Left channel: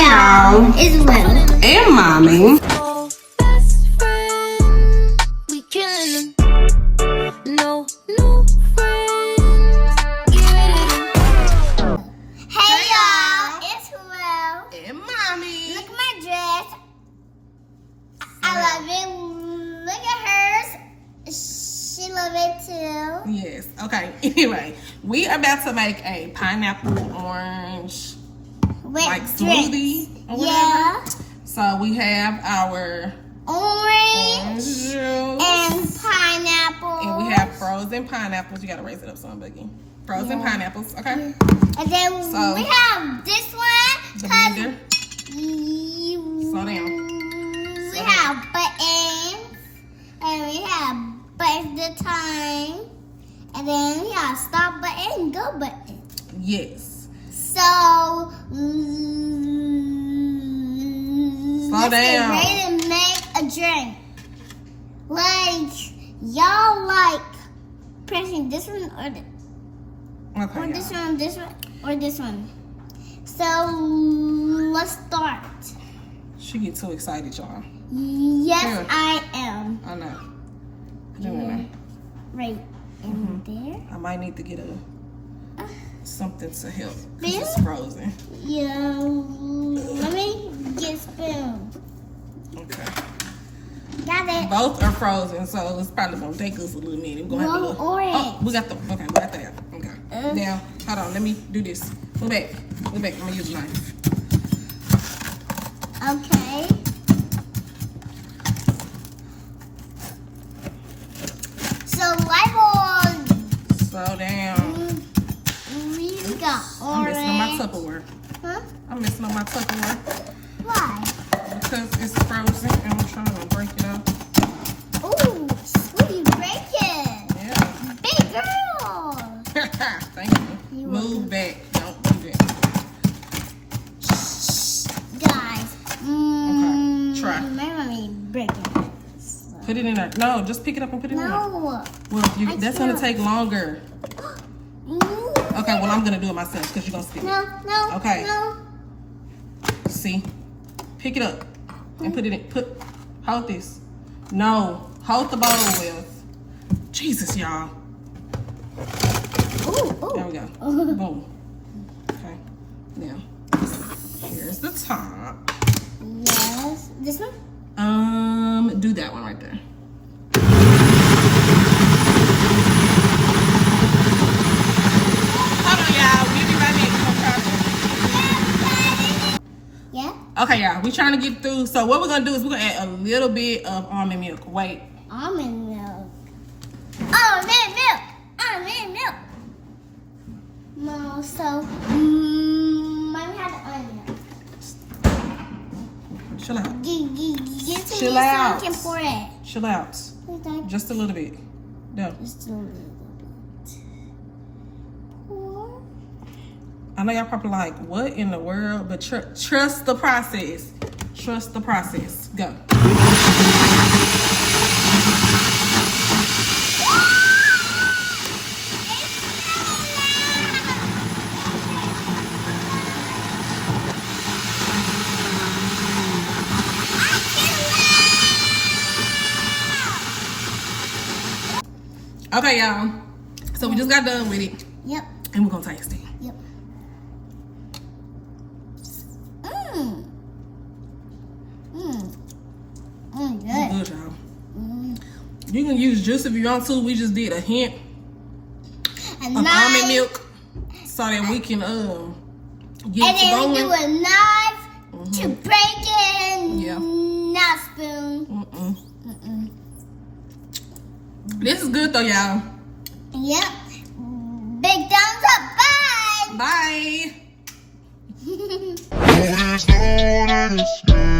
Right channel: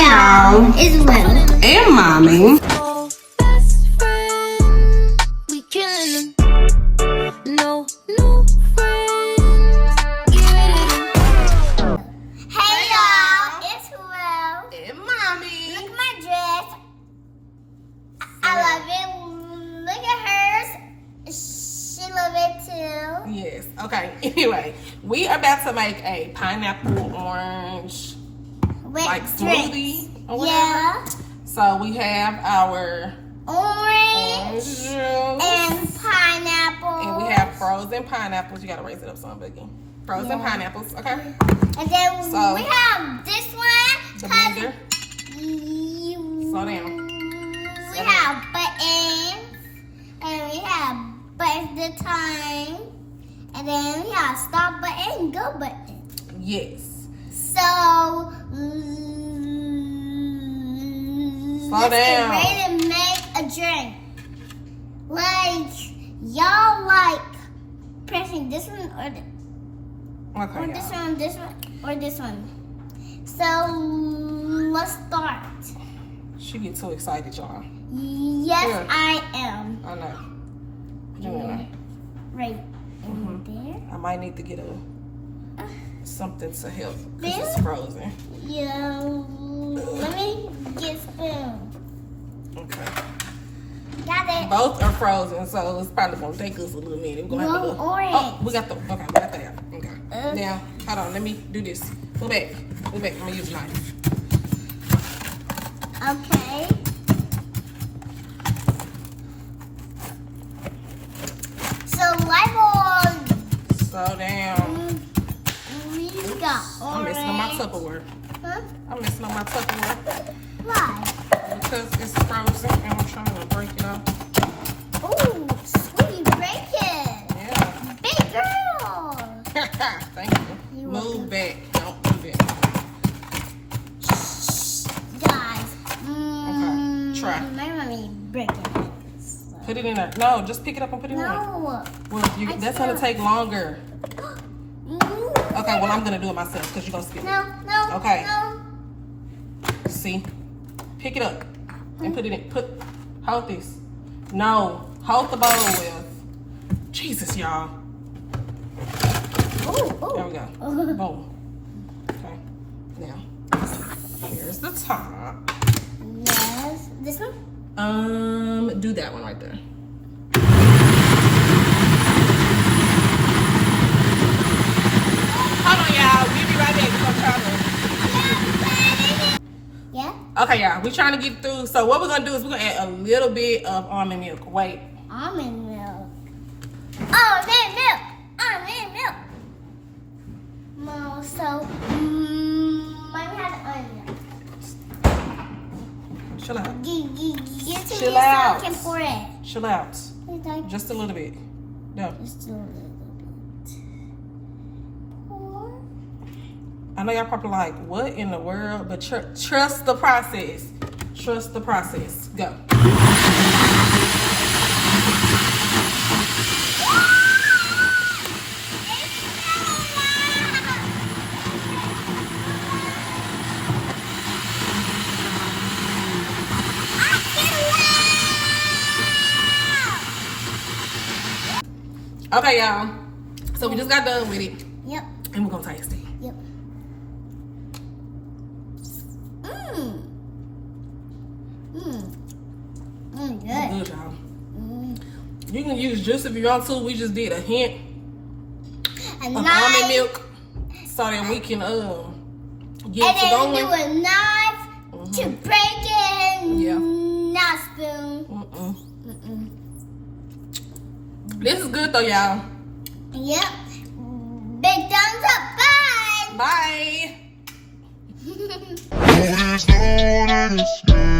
y'all, it's Will And Mommy. Yes. Okay. Anyway, we are about to make a pineapple orange smoothie or whatever. Yeah. So we have our Orange juice and pineapple. And we have frozen pineapples. You gotta raise it up some, Boogie. Frozen pineapples. Okay. And then so, we have this one. The blender. Slow down. We have buttons. And we have buttons the time. And then we have stop button and go button. Yes. So slow down. Ready to make a drink. Like y'all like pressing this one or this one, or this one. So let's start. She get too excited, y'all. Yes, Here. I am. I know. Doing that. Right there. I might need to get something to help because it's frozen. Yeah. Let me get a spoon. Okay. Got it. Both are frozen, so it's probably gonna take us a little minute. We're gonna have to orange. Oh, we got that. Okay. Now, hold on. Let me do this. Pull back. I'm gonna use a knife. Okay. So light on. Slow down. We got I'm orange. messing on my Tupperware. Huh? I'm messing on my Tupperware Why? because it's frozen and I'm trying to break it up. Ooh, sweet bacon. Yeah. Big girl. Thank you. Move back. Don't move it. Guys. Okay. Try. My mommy bacon. Put it in there. No, just pick it up and put it in there. No. Well, that's gonna take longer. Okay, well I'm gonna do it myself because you're gonna skip. No. Okay. No. See? Pick it up and put it in. Hold this. No. Hold the bowl with. Jesus, y'all. Ooh. There we go. Boom. Okay. Now, here's the top. Yes. This one? Do that one right there. Hold on, y'all. We'll be right back. Yeah. Okay, y'all. We're trying to get through. So what we're gonna do is we're gonna add a little bit of almond milk. Wait. Almond milk. Almond milk. Almond milk. No, so mommy has almond milk. Chill out. Chill out. Chill out. Just a little bit. No. Just a little bit. Pour. I know y'all probably like, what in the world? But trust the process. Trust the process. Go. Okay, y'all. So we just got done with it. Yep. And we're gonna taste it. Yep. Good. Good, y'all. You can use juice if you want to. We just did a hint of almond milk so that we can get to going. And then we do a knife to break it. Yeah. Not spoon. This is good though, y'all. Yep. Big thumbs up. Bye. Bye. Oh, there's no one in this game.